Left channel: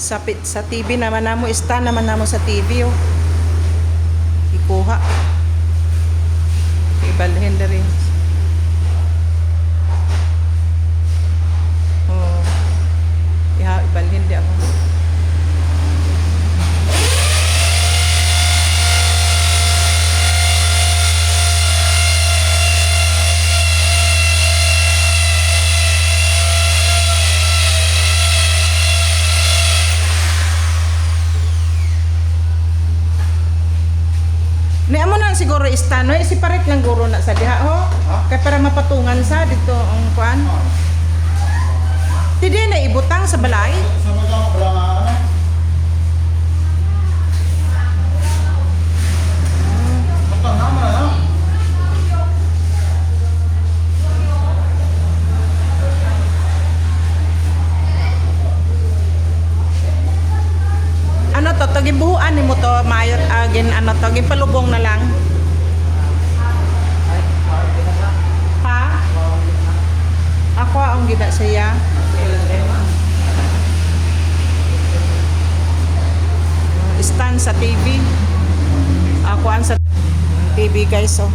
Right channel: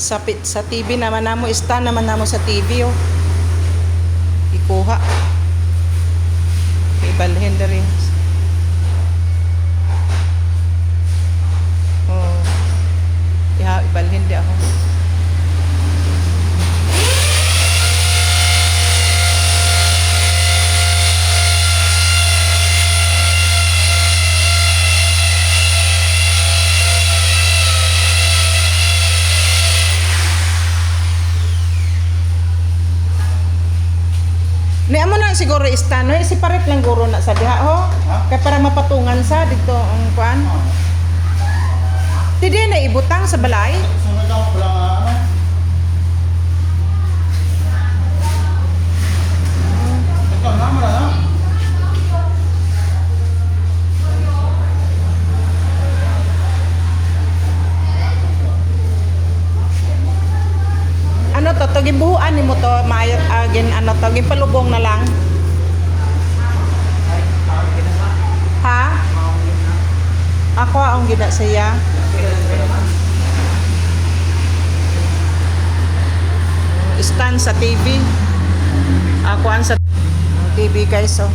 Sa TV naman namo, stand naman namo sa TV oh. Ikuha. Ibalhin diri. Oh. Ibalhin di ako. Ni amo na siguro istano, separate lang guro na sa diha ho. Kay para mapatungan sa dito ang kuan. Tidi na ibutang sa balay. Ano to, gibuhuan ni mo to, maayot agin ano to, gipalubong na lang. Ha? Ako ang gina siya. Stand sa TV. Ako ang sa TV guys oh.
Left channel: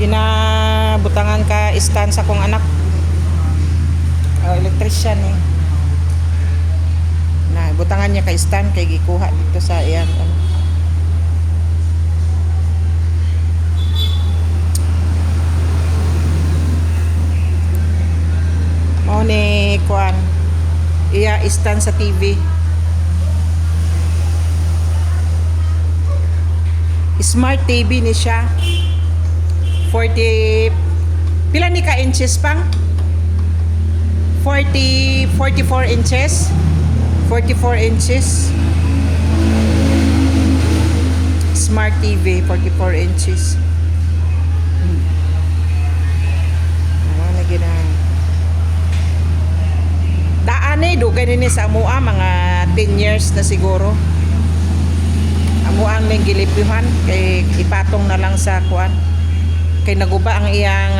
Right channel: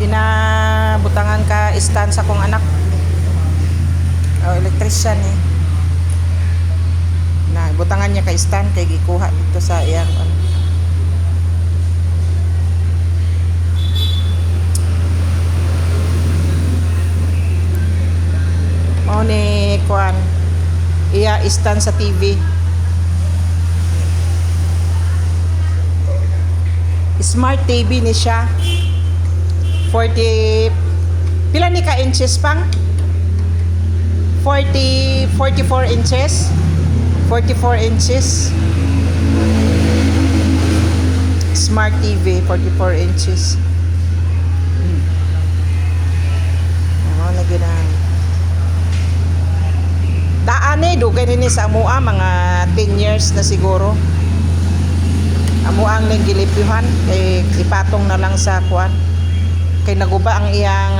Ginabutangan ka stand sa kong anak. Oh, electrician eh. Na butangan niya kay stand kay gikuha dito sa iyang ano. Mao ni kuan iya stand sa TV. Smart TV ni siya. 40 pila ni ka inches pang? 44 inches. 44 inches. Smart TV, 44 inches. Ano na gina? Daan eh, dugay nini sa amua, mga 10 years na siguro. Amuang nang gilipyuhan, kay ipatong na lang sa kuan. Kay naguba ang iyang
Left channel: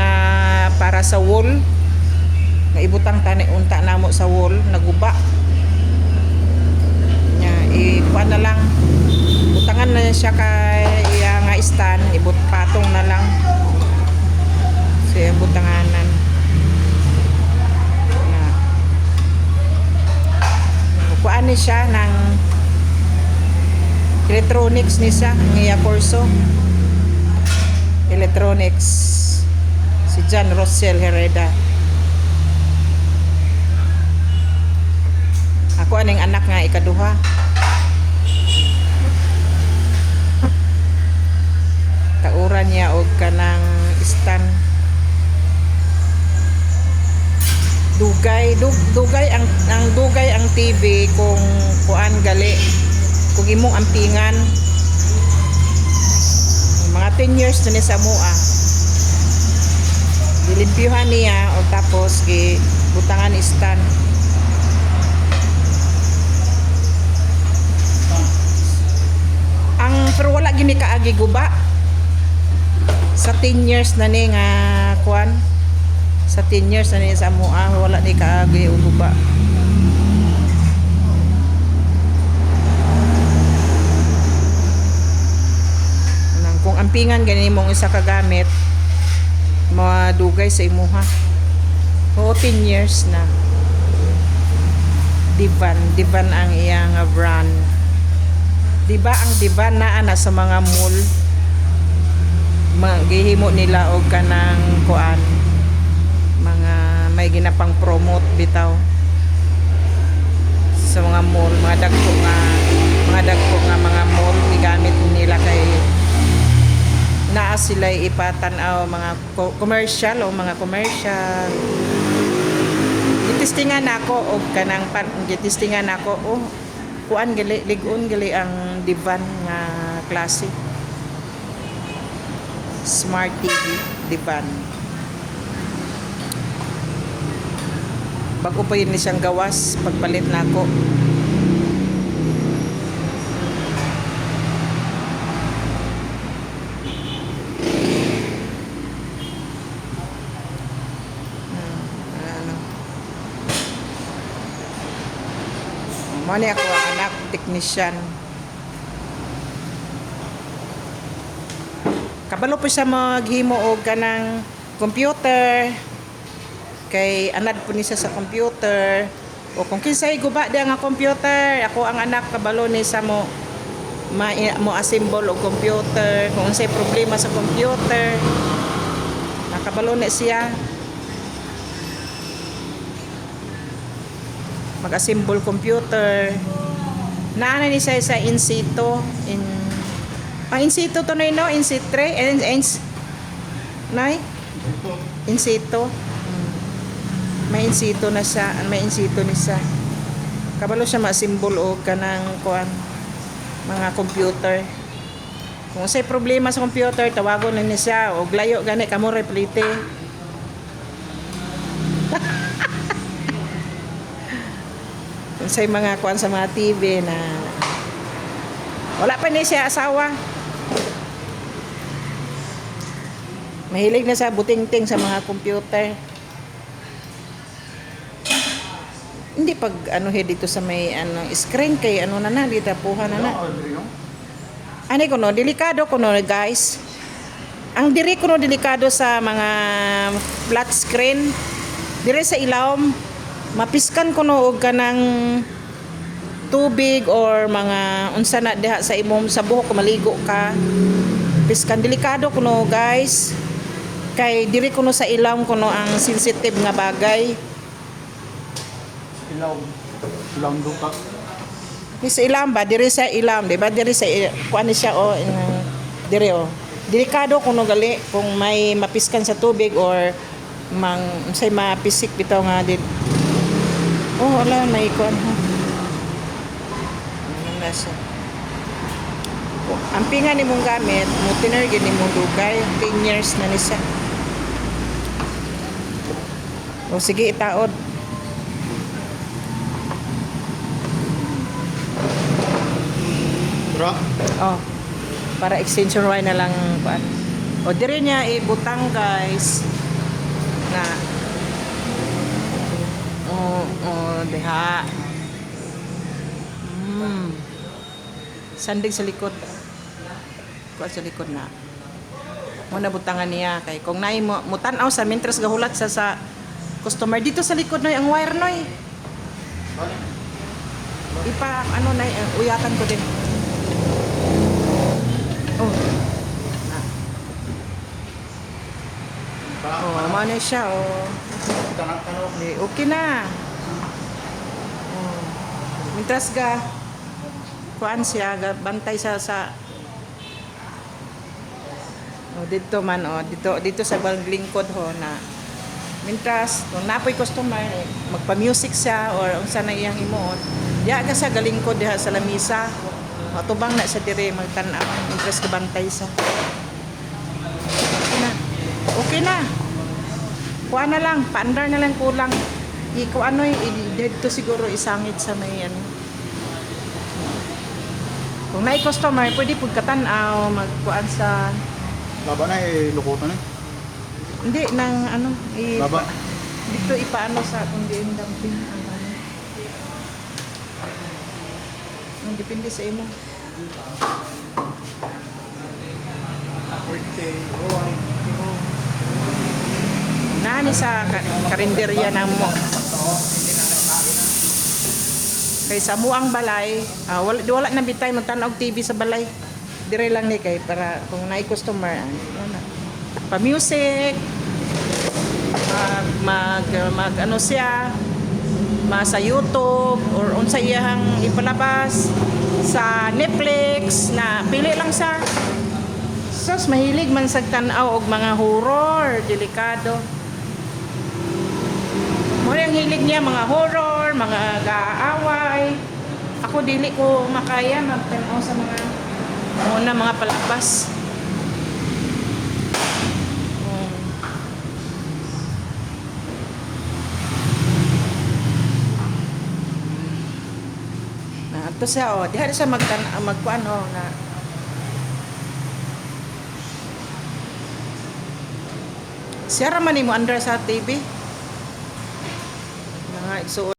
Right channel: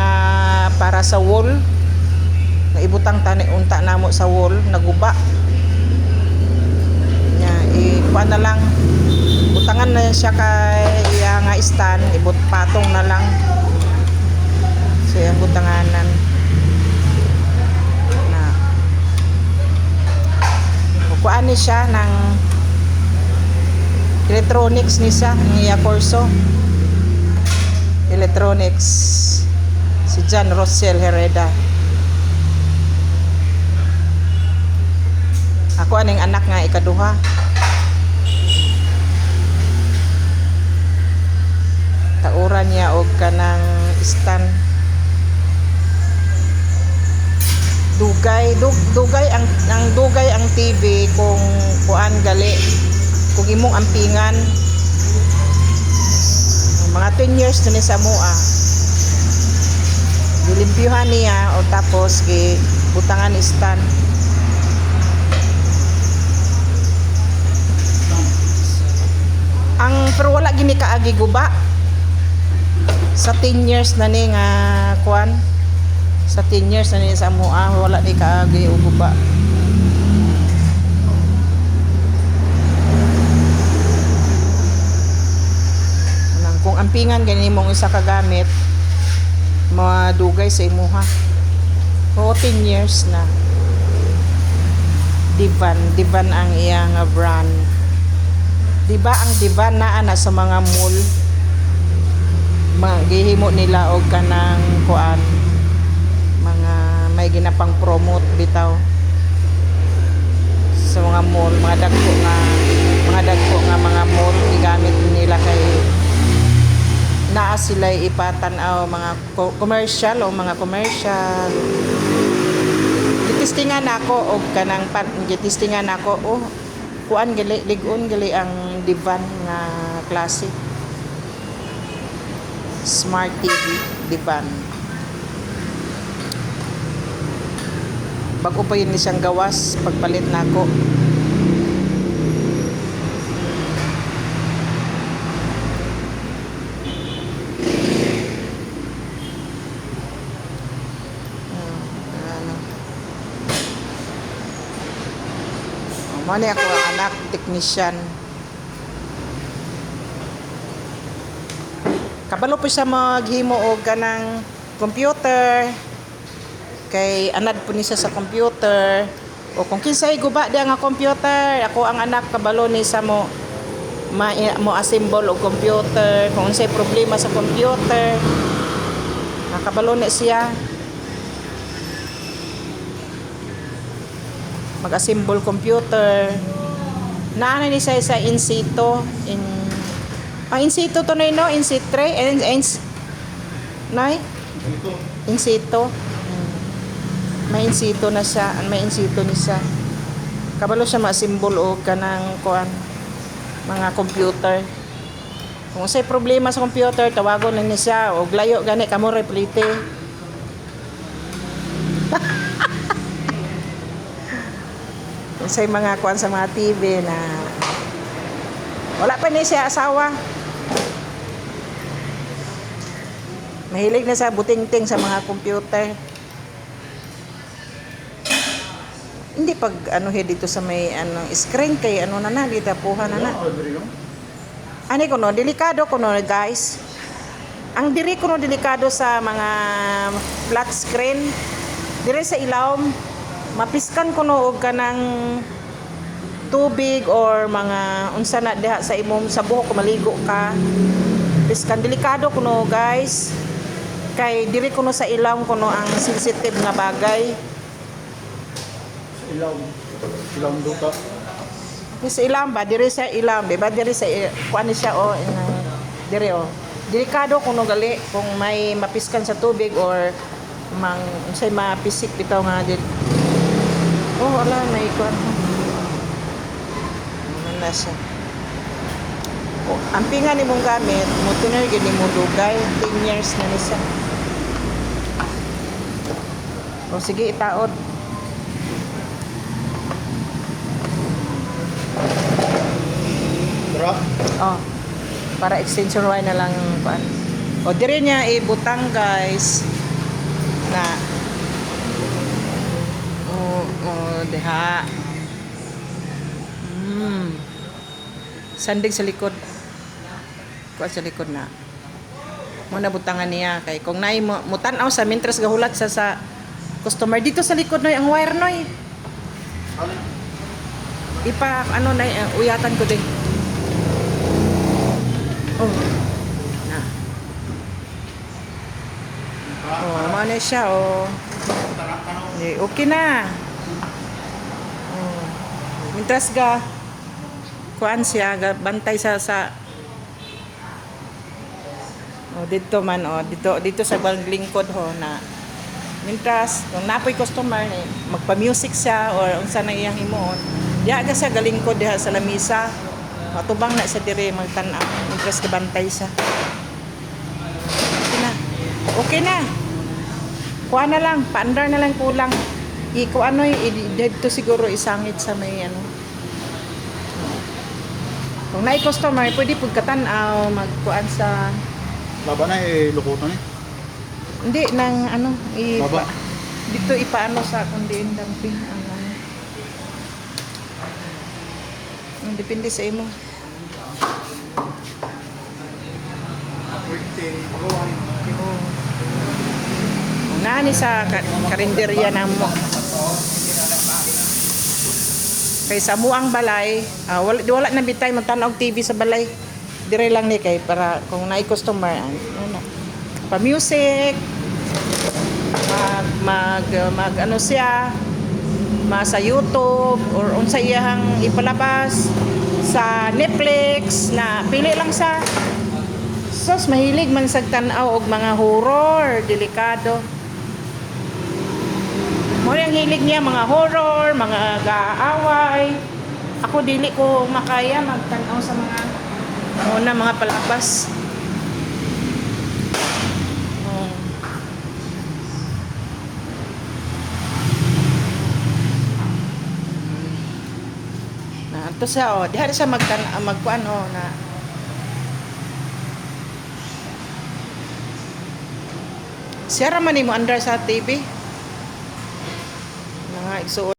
para sa wall. Nga ibutang tani unta namo sa wall, naguba. Ikuan na lang, butangan na siya kay iya nga stand, patong na lang siya butanganan na kuan ni siya ng electronics ni siya ng iya kurso electronics si John Rossell Hereda. Ako aning anak nga ikaduha. Tauran niya og kanang stand. Dugay ang TV kung kuan gali. Kung imong ampingan. Mga 10 years na ni sa mua. Dilimpyuhan niya o tapos butangan stand. Pero wala gini kaagi guba. Sa 10 years na ni nga kuan. Sa 10 years na ni sa mua, wala ni kaagi guba. Kung ampingan gani mong isa ka gamit, madugay sa imuha. 14 years na. Divan ang iya nga brand. Diba ang divan na ana sa mga mall magihimo nila og kanang kuan mga may ginapang promote bitaw sa mga mall, mga dagko nga mga mall gamit nila kay naa sila ipatan-aw mga commercial gitistingan nako og kanang gitistingan nako kuan gali ligon gali ang divan nga klase smart TV divan bago pa yun siyang gawas pagpalit nako. Mo ni ako ang anak technician. Kabalo po sa maghimo og kanang computer. Kay anad po ni siya sa computer. O kung kinsay guba di nga computer, ako ang anak kabalo ni sa mo mo assemble og computer. Kung unsay problema sa computer, nakabalo na siya. Mag-assemble computer. Naana ni siya sa in situ in situ to no, in situ nay in situ. May in situ na siya, may in situ ni siya. Kabalo siya ma-assemble og kanang kuan mga computer. Kung say problema sa computer, tawagon na niya siya og layo gani kamo replite. Kung say mga kuan sa mga TV na wala pa ni siya asawa. Mahilig na sa butingting sa mga computer. Hindi pag ano dito sa may ano screen kay ano na dito puha na. Ani ko no delikado ko no guys. Ang diri ko no delikado sa mga flat screen. Dire sa ilawom mapiskan ko no og kanang tubig or mga unsa na diha sa imong sa buhok maligo ka. Piskan delikado ko no guys. Kay diri ko no sa ilawom ko no ang sensitive nga bagay. Ilaw duka. Sa ilam ba diri sa ilam, di ba diri sa kuan siya diri delikado kung gali kung may mapiskan sa tubig or mang say mapisik bitaw nga din. Wala na ikuan. Ano na siya. Ang pinga ni mong gamit, mo tinergy ni mong lugay, 10 years na ni siya. Sige itaod. Para extension wire na lang kuan. Dire niya ibutang guys na deha. Sandig sa likod. Kuan sa likod na. Mo na butangan niya kay kung nay mo tan-aw sa mintras gahulat sa customer dito sa likod noy ang wire noy. Ipa ano na uyatan ko din. Mana siya okay na. Mintras ga kuan siya bantay sa dito man dito sa lingkod na mintras kung napoy customer magpa-music siya or unsa na iyang himuon diha ga sa galingkod diha sa lamisa matubang na sa dire magtan-aw mintras ka bantay siya. Okay na. Kuha na lang, paandar na lang kulang. Kuha dito siguro isangit sa may ano. Kung naay customer, pwede pagkatanaw, magkuan sa... Baba na lukutan Hindi, nang ano... Baba. Dito ipaano sa kundi damping. Depende sa imo. Nani sa karinderya na mo. Kay sa muang balay, wala na bitay magtanaw TV sa balay. Dire lang ni kay para kung naay customer pa music mag ano siya sa YouTube or unsa iyang ipalabas sa Netflix na pili lang sa sos mahilig man sa tan-aw og mga horror, delikado. Mo ang hilig niya mga horror, mga gaaway. Ako dili ko makaya magtan-aw sa mga mga palabas. Ito siya diha siya magkuan na siya ra man mo andar sa TV. Mga igsuon